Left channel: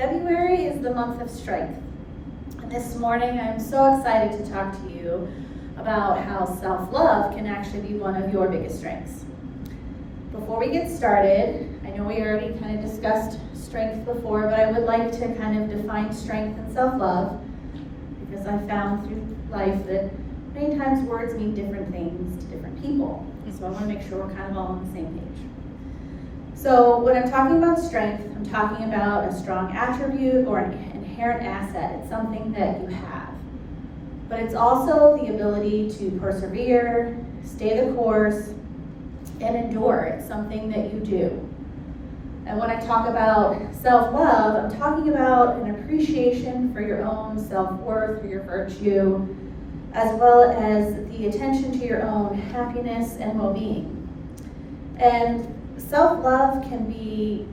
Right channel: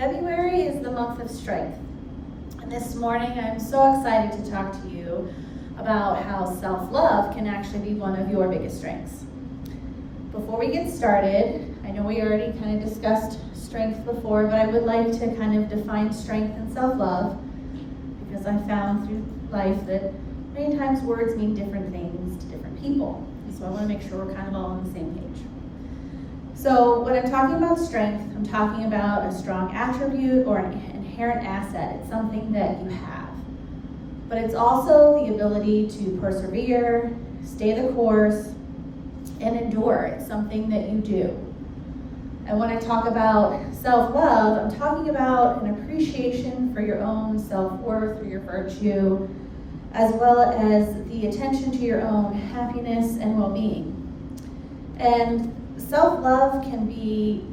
February is the month of strength. And this morning I'm so excited to talk to you about how self-love can actually be one of your biggest strengths. Before we get started, I know we already kind of discussed strength before, but I would like to kind of define strength and self-love because I found through life that many times words mean different things to different people. So I want to make sure we're kind of all on the same page. So when I'm talking about strength, I'm talking about a strong attribute or an inherent asset. It's something that you have. But it's also the ability to persevere, stay the course, and endure. It's something that you do. And when I talk about self-love, I'm talking about an appreciation for your own self-worth or your virtue, as well as the attention to your own happiness and well-being. And self-love can be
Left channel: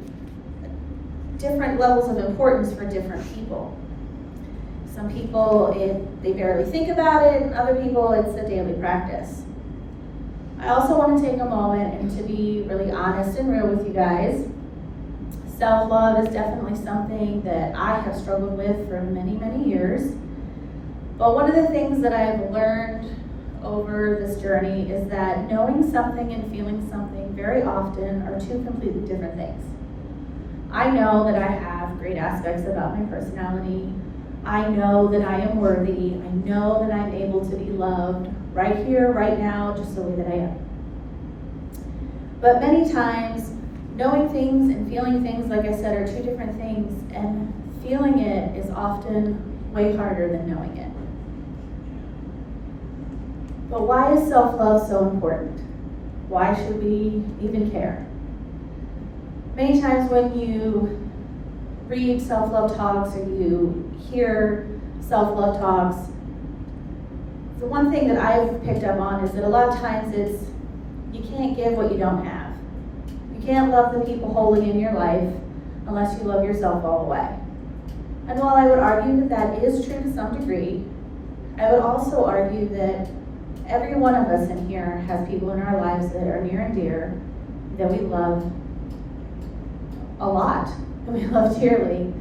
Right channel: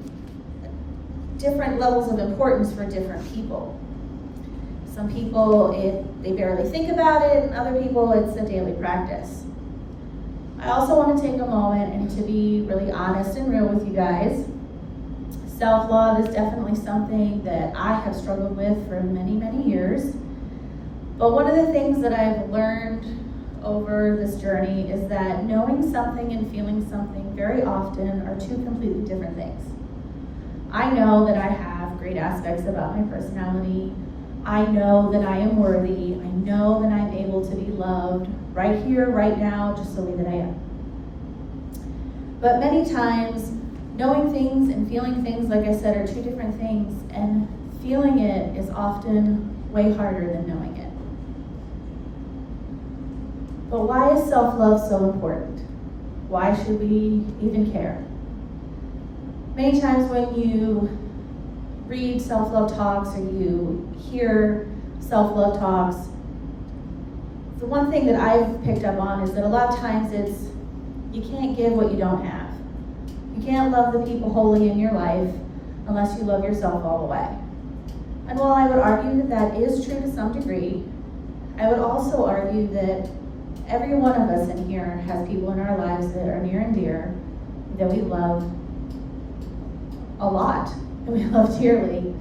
different levels of importance for different people. Some people, they barely think about it, and other people, it's a daily practice. I also want to take a moment and to be really honest and real with you guys. Self-love is definitely something that I have struggled with for many, many years. But one of the things that I've learned over this journey is that knowing something and feeling something very often are two completely different things. I know that I have great aspects about my personality. I know that I am worthy. I know that I'm able to be loved right here, right now, just the way that I am. But many times, knowing things and feeling things, like I said, are two different things, and feeling it is often way harder than knowing it. But why is self-love so important? Why should we even care? Many times when you read self-love talks or you hear self-love talks, the one thing that I've picked up on is that a lot of times it's, you can't give what you don't have. You can't love the people wholly in your life unless you love yourself all the way. And while I would argue that that is true to some degree, I would also argue that every one of us in here has people in our lives that are near and dear, that we love a lot, that we love dearly.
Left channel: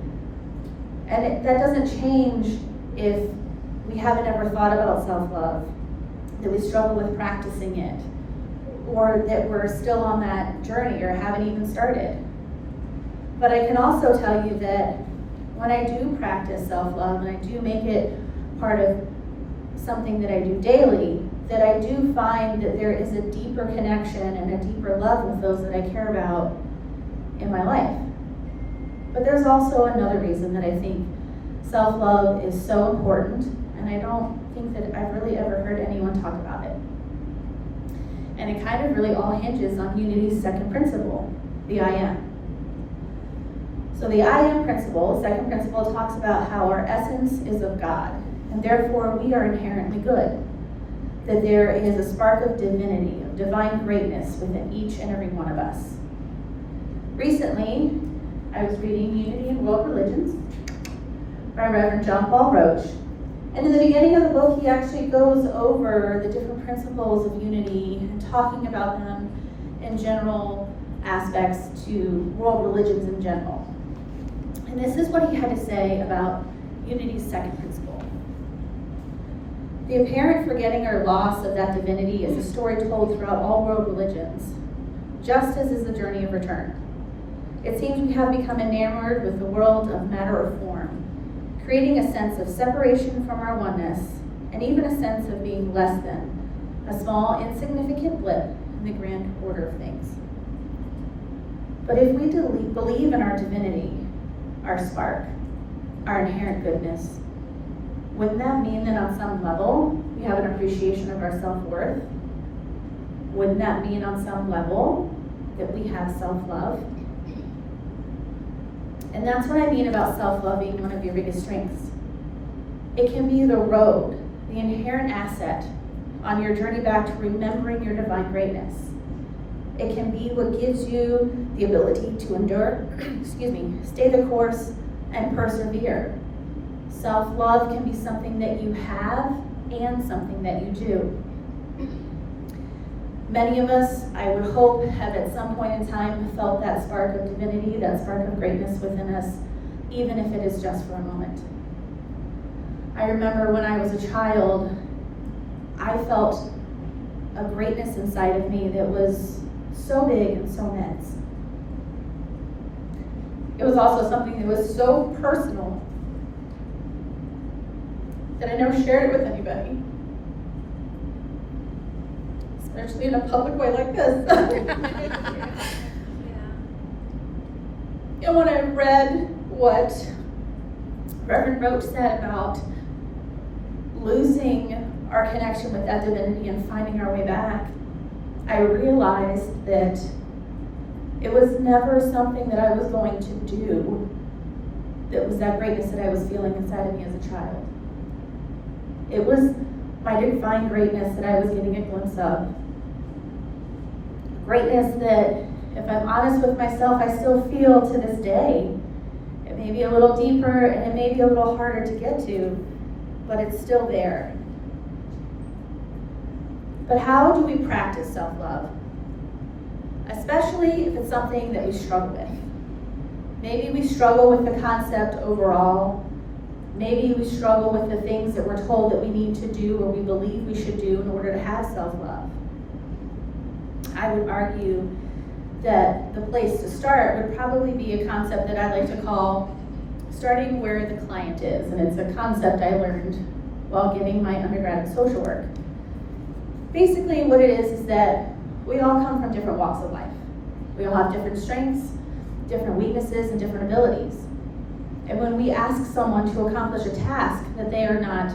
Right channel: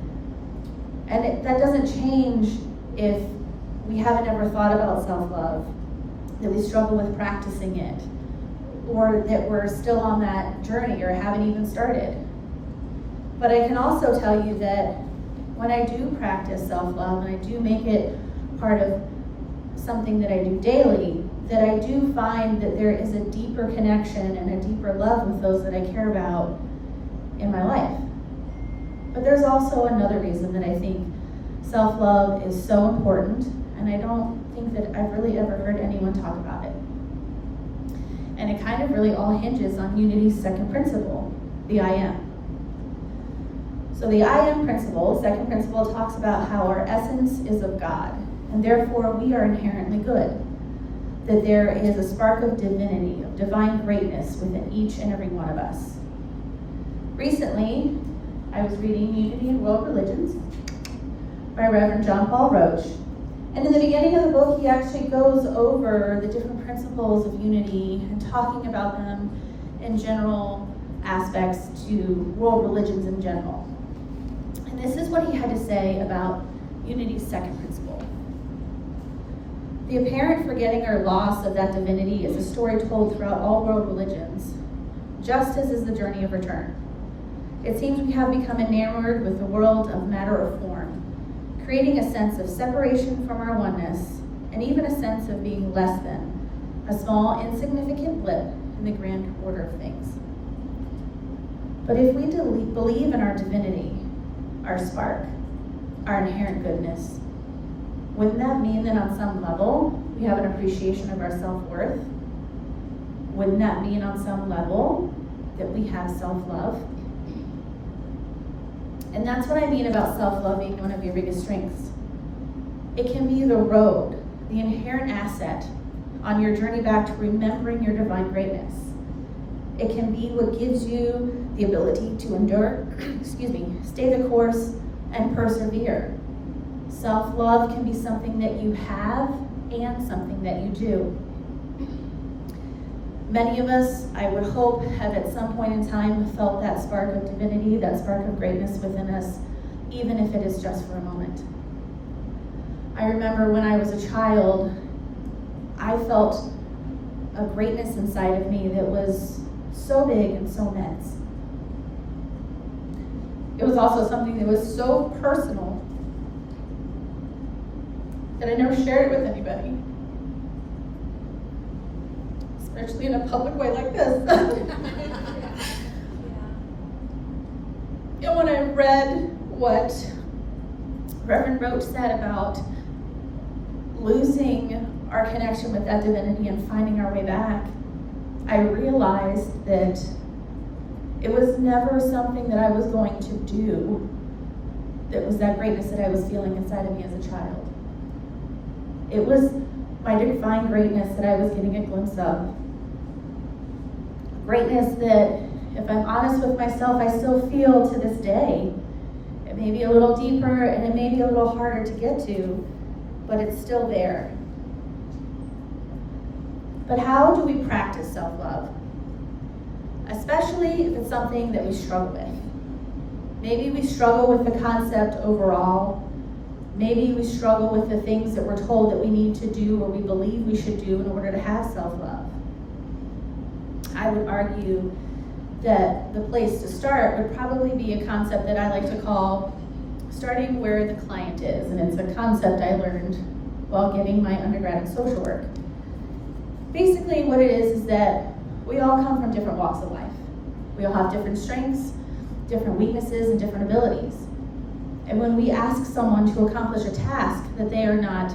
And that doesn't change if we haven't ever thought about self-love, that we struggle with practicing it, or that we're still on that journey or haven't even started. But I can also tell you that when I do practice self-love and I do make it part of something that I do daily, that I do find that there is a deeper connection and a deeper love with those that I care about in my life. But there's also another reason that I think self-love is so important, and I don't think that I've really ever heard anyone talk about it. And it kind of really all hinges on Unity's second principle, the I am. So the I am principle, second principle, talks about how our essence is of God, and therefore we are inherently good. That there is a spark of divinity, of divine greatness within each and every one of us. Recently, I was reading Unity in World Religions by Reverend John Paul Roach. And in the beginning of the book, he actually goes over the different principles of unity and talking about them in general aspects to world religions in general. And this is what he had to say about Unity's second principle. The apparent forgetting or loss of that divinity is a story told throughout all world religions, just as is the journey of return. It seems we have become enamored with the world of matter or form, creating a sense of separation from our oneness, and even a sense of being less than, a small, insignificant blip in the grand order of things. But if we believe in our divinity, our spark, our inherent goodness, wouldn't that mean that on some level we have an appreciation of our self-worth? Wouldn't that mean on some level that we have self-love? And that's what I mean about self-love being one of your biggest strengths. It can be the road, the inherent asset on your journey back to remembering your divine greatness. It can be what gives you the ability to endure, stay the course, and persevere. Self-love can be something that you have and something that you do. Many of us, I would hope, have at some point in time felt that spark of divinity, that spark of greatness within us even if it is just for a moment. I remember when I was a child, I felt a greatness inside of me that was so big and so immense. It was also something that was so personal that I never shared it with anybody, especially in a public way like this. And when I read what Reverend Roach said about losing our connection with that divinity and finding our way back, I realized that it was never something that I was going to do that was that greatness that I was feeling inside of me as a child. It was my divine greatness that I was getting a glimpse of. Greatness that, if I'm honest with myself, I still feel to this day. It may be a little deeper and it may be a little harder to get to, but it's still there. But how do we practice self-love? Especially if it's something that we struggle with. Maybe we struggle with the concept overall. Maybe we struggle with the things that we're told that we need to do or we believe we should do in order to have self-love. I would argue that the place to start would probably be a concept that I like to call starting where the client is. And it's a concept I learned while getting my undergrad in social work. Basically what it is that we all come from different walks of life. We all have different strengths, different weaknesses, and different abilities. And when we ask someone to accomplish a task that they are not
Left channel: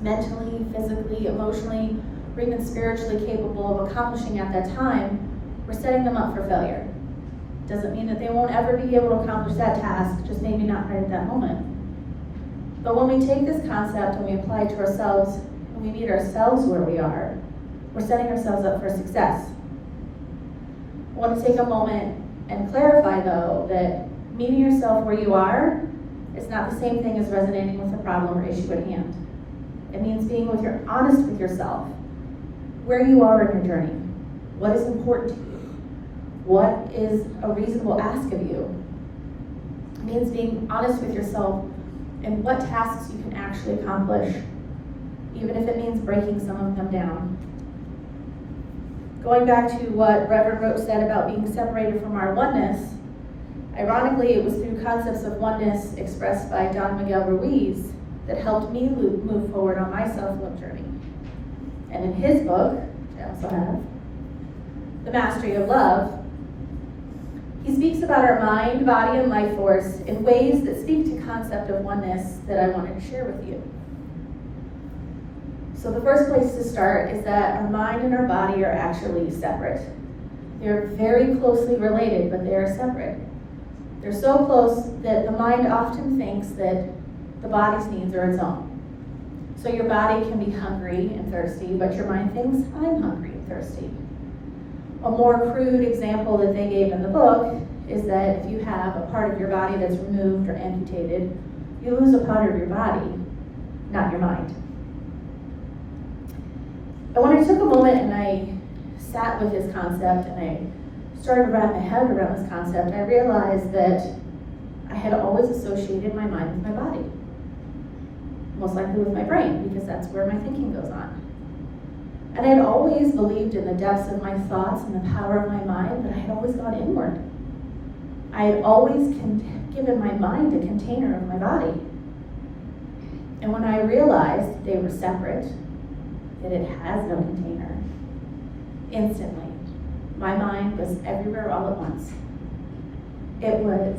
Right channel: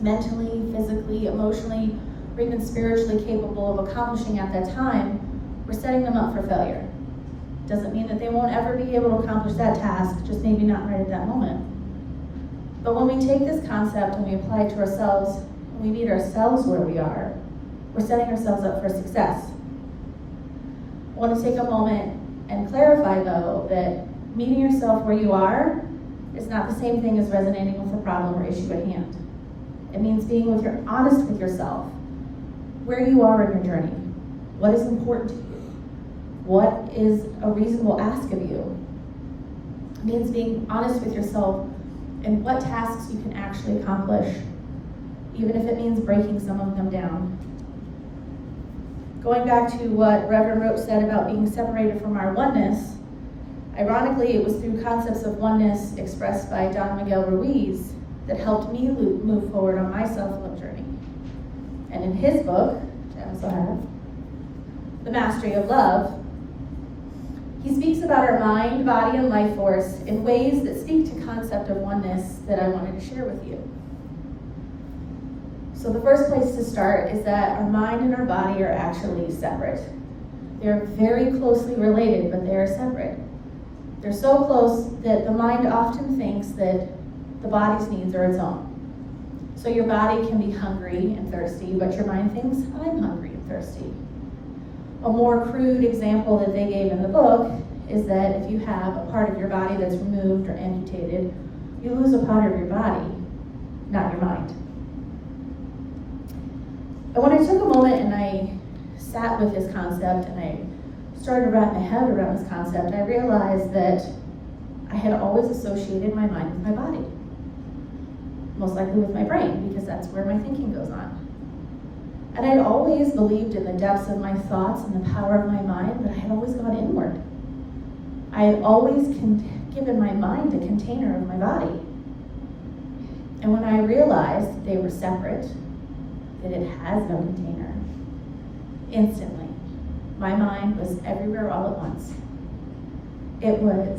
mentally, physically, emotionally, or even spiritually capable of accomplishing at that time, we're setting them up for failure. Doesn't mean that they won't ever be able to accomplish that task, just maybe not right at that moment. But when we take this concept and we apply it to ourselves, and we meet ourselves where we are, we're setting ourselves up for success. I want to take a moment and clarify, though, that meeting yourself where you are is not the same thing as resonating with the problem or issue at hand. It means being honest with yourself, where you are in your journey, what is important to you, what is a reasonable ask of you. It means being honest with yourself and what tasks you can actually accomplish, even if it means breaking some of them down. Going back to what Reverend Roach said about being separated from our oneness, ironically, it was through concepts of oneness expressed by Don Miguel Ruiz that helped me move forward on my self-love journey. And in his book, which I also have, The Mastery of Love, he speaks about our mind, body, and life force in ways that speak to the concept of oneness that I wanted to share with you. So the first place to start is that our mind and our body are actually separate. They're very closely related, but they are separate. They're so close that the mind often thinks that the body's needs are its own. So your body can be hungry and thirsty, but your mind thinks, I'm hungry and thirsty. A more crude example that they gave in the book is that if you have a part of your body that's removed or amputated, you lose a part of your body, not your mind. But when I took a moment and I sat with this concept and I started to wrap my head around this concept, I realized that I had always associated my mind with my body. Most likely with my brain, because that's where my thinking goes on. And I'd always believed in the depths of my thoughts and the power of my mind, but I had always gone inward. I had always given my mind a container of my body. And when I realized they were separate, that it has no container, instantly, my mind was everywhere all at once. It was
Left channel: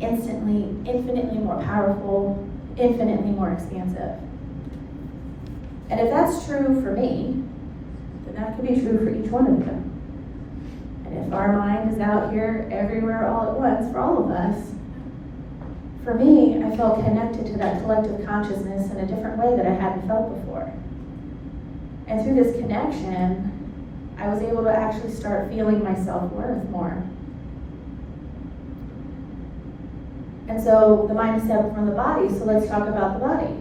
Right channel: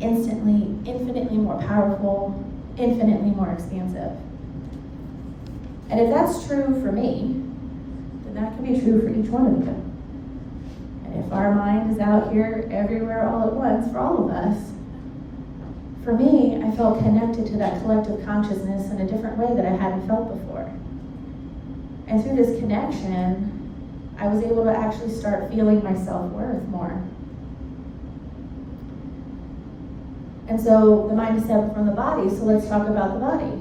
instantly, infinitely more powerful, infinitely more expansive. And if that's true for me, then that could be true for each one of you. And if our mind is out here everywhere all at once for all of us, for me, I felt connected to that collective consciousness in a different way that I hadn't felt before. And through this connection, I was able to actually start feeling my self-worth more. And so the mind is separate from the body, so let's talk about the body.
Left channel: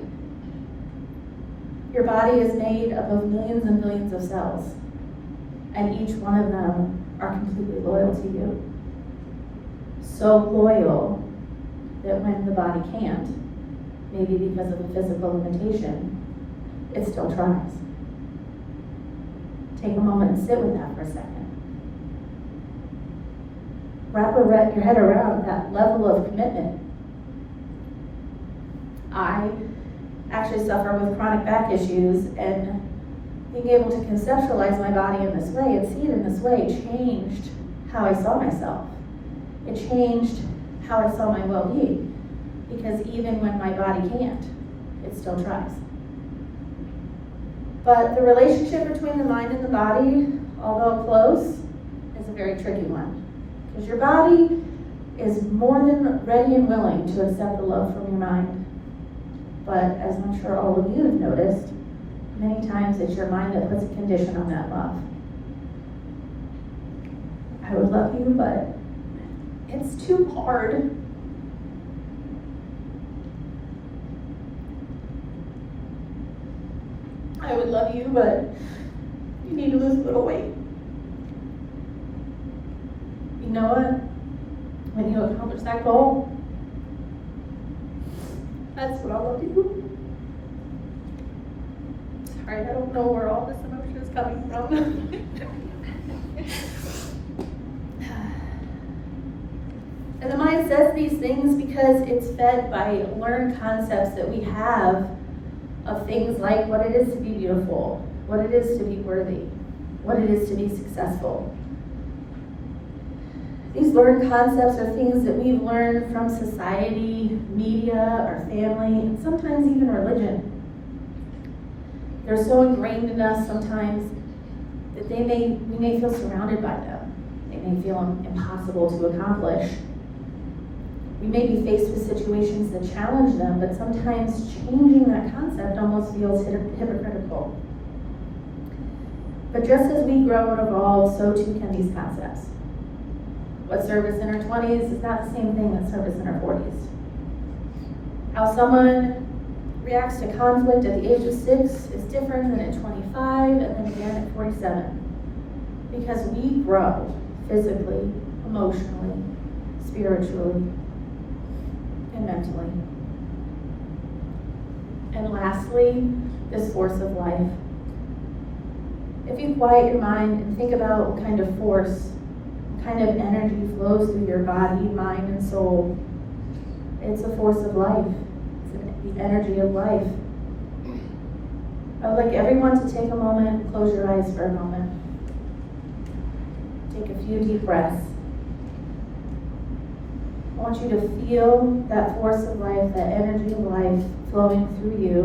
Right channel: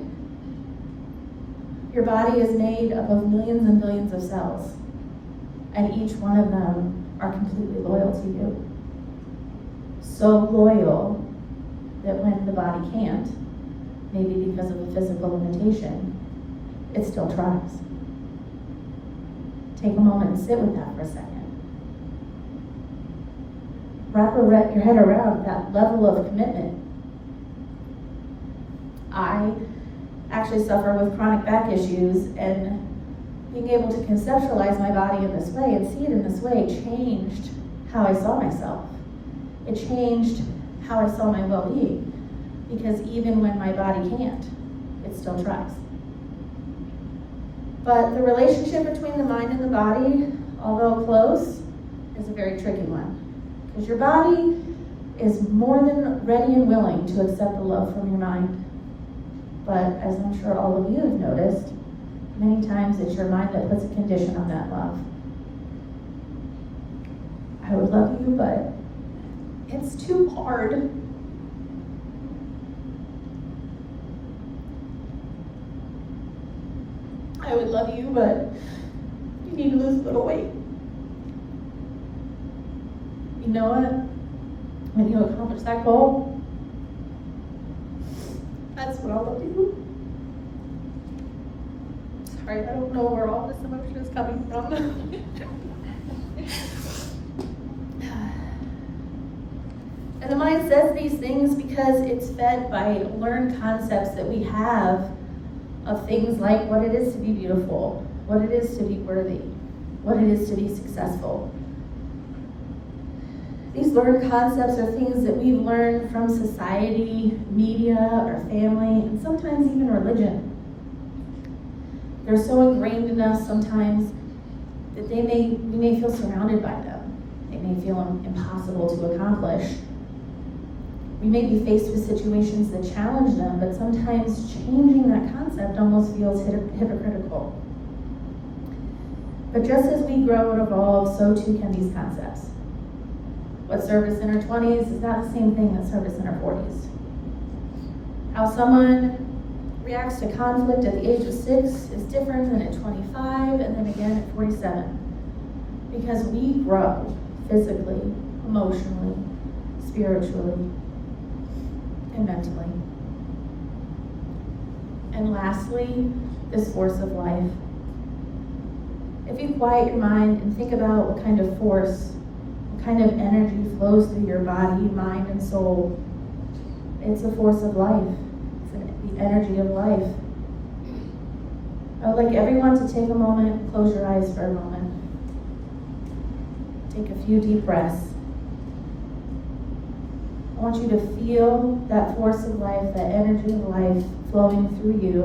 Your body is made up of millions and billions of cells, and each one of them are completely loyal to you. So loyal that when the body can't, maybe because of a physical limitation, it still tries. Take a moment and sit with that for a second. Wrap your head around that level of commitment. I actually suffer with chronic back issues, and being able to conceptualize my body in this way and see it in this way changed how I saw myself. It changed how I saw my well-being, because even when my body can't, it still tries. But the relationship between the mind and the body, although close, is a very tricky one. Because your body is more than ready and willing to accept the love from your mind. But as I'm sure all of you have noticed, many times it's your mind that puts a condition on that love. I would love you, but it's too hard. I would love you, but you need to lose a little weight. You know what? When you accomplish that goal, that's what I'll do. Sorry, I don't know where all this emotion is coming from. And the mind says these things because it's fed by learned concepts that we have of things like what it is to be beautiful, what it is to be worthy, what it is to be successful. These learned concepts are things that we've learned from society, media, our family, and sometimes even religion. They're so ingrained in us sometimes that we may feel surrounded by them. They may feel impossible to accomplish. We may be faced with situations that challenge them, but sometimes changing that concept almost feels hypocritical. But just as we grow and evolve, so too can these concepts. What served us in our 20s is not the same thing that served us in our 40s. How someone reacts to conflict at the age of 6 is different than at 25 and then again at 47. Because we grow physically, emotionally, spiritually, and mentally. And lastly, this force of life. If you quiet your mind and think about what kind of force, what kind of energy flows through your body, mind, and soul, it's a force of life. It's the energy of life. I would like everyone to take a moment, close your eyes for a moment. Take a few deep breaths. I want you to feel that force of life, that energy of life flowing through you.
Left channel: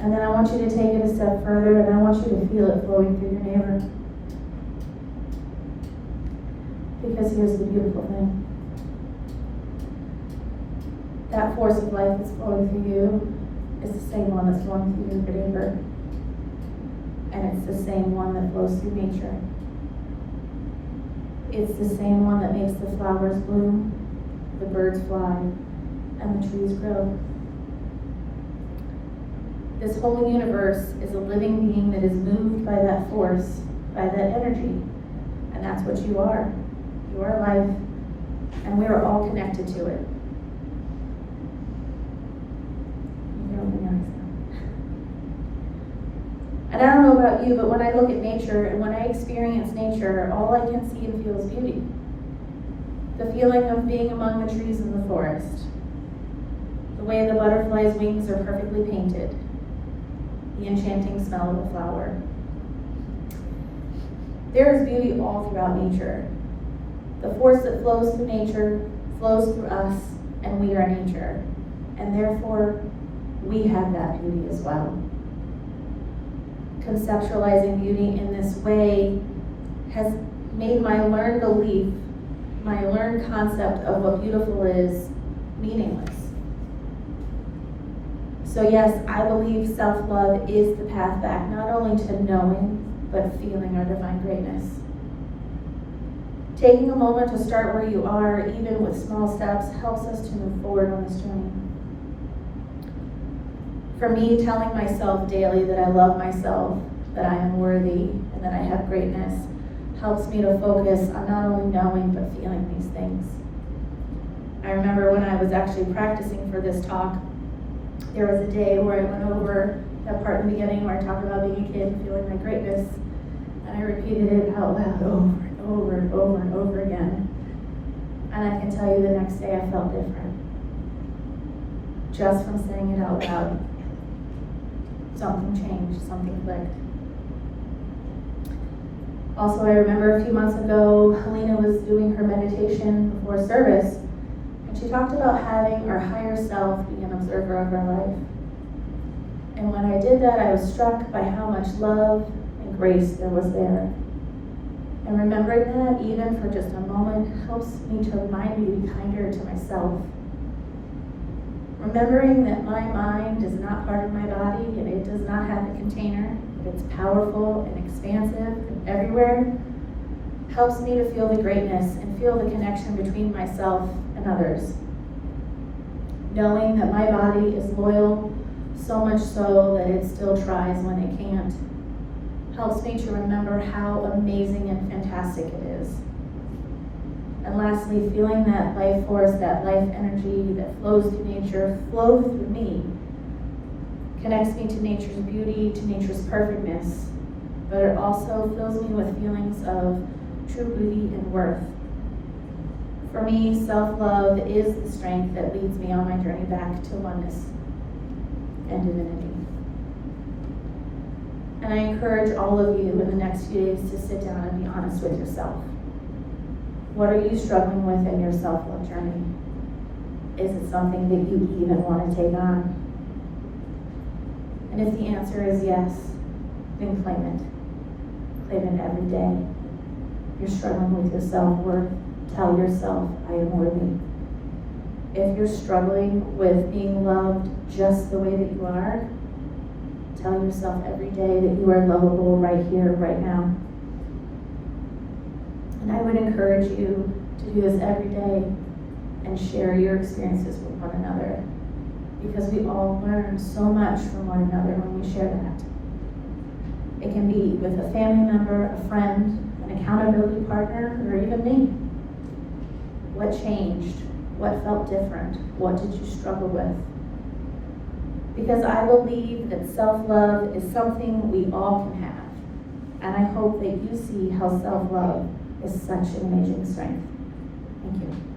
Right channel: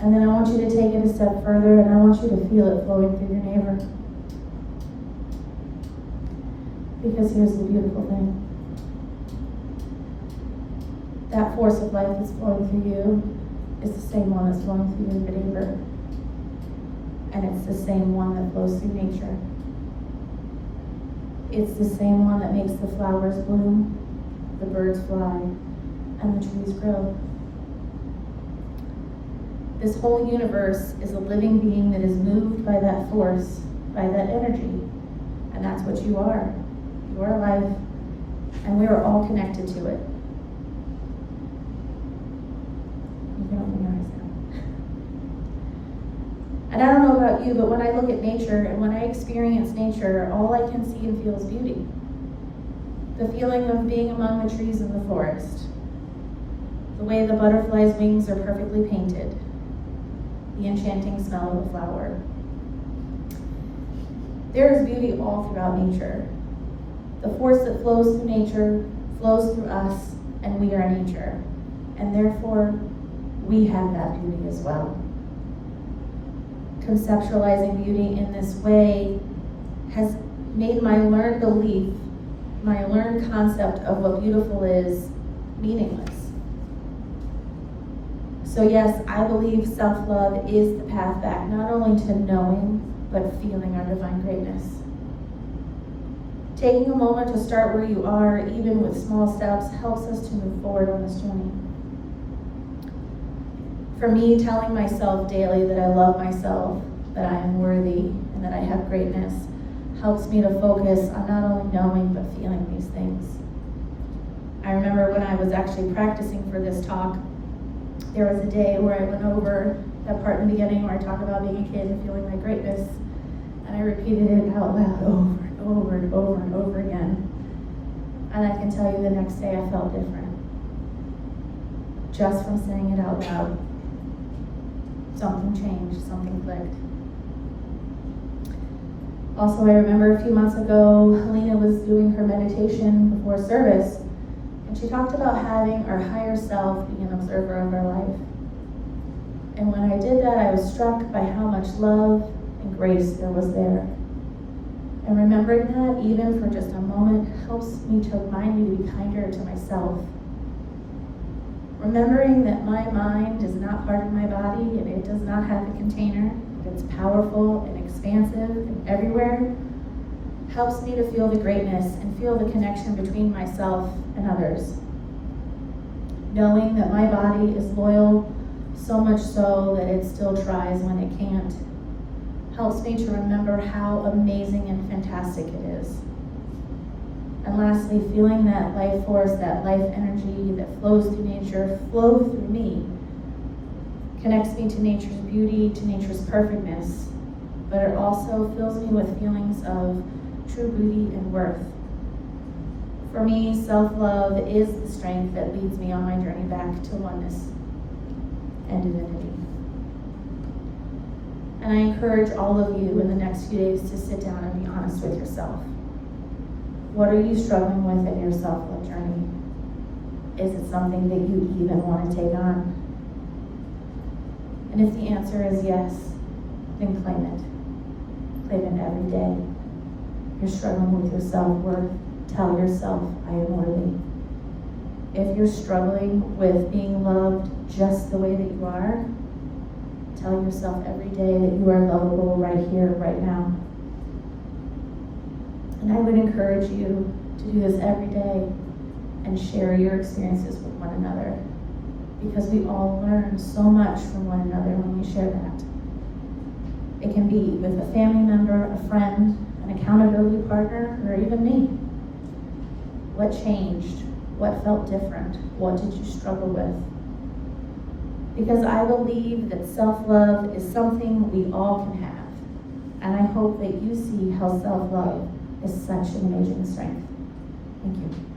And then I want you to take it a step further, and I want you to feel it flowing through your neighbor. Because here's the beautiful thing. That force of life that's flowing through you is the same one that's flowing through your neighbor. And it's the same one that flows through nature. It's the same one that makes the flowers bloom, the birds fly, and the trees grow. This whole universe is a living being that is moved by that force, by that energy. And that's what you are. You are life, and we are all connected to it. You can open your eyes now. And I don't know about you, but when I look at nature and when I experience nature, all I can see and feel is beauty. The feeling of being among the trees in the forest. The way the butterfly's wings are perfectly painted. The enchanting smell of a flower. There is beauty all throughout nature. The force that flows through nature flows through us, and we are nature. And therefore, we have that beauty as well. Conceptualizing beauty in this way has made my learned belief, my learned concept of what beautiful is, meaningless. So yes, I believe self-love is the path back, not only to knowing, but feeling our divine greatness. Taking a moment to start where you are, even with small steps, helps us to move forward on this journey. For me, telling myself daily that I love myself, that I am worthy, and that I have greatness, helps me to focus on not only knowing, but feeling these things. remember when I was actually practicing for this talk, there was a day where I went over that part in the beginning where I talked about being a kid and feeling my greatness, and I repeated it out loud over and over and over and over again. And I can tell you the next day I felt different. Just from saying it out loud. Something changed, something clicked. Also, I remember a few months ago, Helena was doing her meditation before service, and she talked about having our higher self being an observer of her life. And when I did that, I was struck by how much love and grace there was there. And remembering that, even for just a moment, helps me to remind me to be kinder to myself. Remembering that my mind is not part of my body and it does not have a container, but it's powerful and expansive and everywhere, helps me to feel the greatness and feel the connection between myself and others. Knowing that my body is loyal, so much so that it still tries when it can't, helps me to remember how amazing and fantastic it is. And lastly, feeling that life force, that life energy that flows through nature, flow through me, connects me to nature's beauty, to nature's perfectness, but it also fills me with feelings of true beauty and worth. For me, self-love is the strength that leads me on my journey back to oneness and divinity. And I encourage all of you in the next few days to sit down and be honest with yourself. What are you struggling with in your self-love journey? Is it something that you even want to take on? And if the answer is yes, then claim it. Claim it every day. You're struggling with your self-worth, tell yourself, I am worthy. If you're struggling with being loved just the way that you are, tell yourself every day that you are lovable right here, right now. And I would encourage you to do this every day and share your experiences with one another, because we all learn so much from one another when we share that. It can be with a family member, a friend, an accountability partner, or even me. What changed? What felt different? What did you struggle with? Because I believe that self-love is something we all can have. And I hope that you see how self-love is such an amazing strength. Thank you.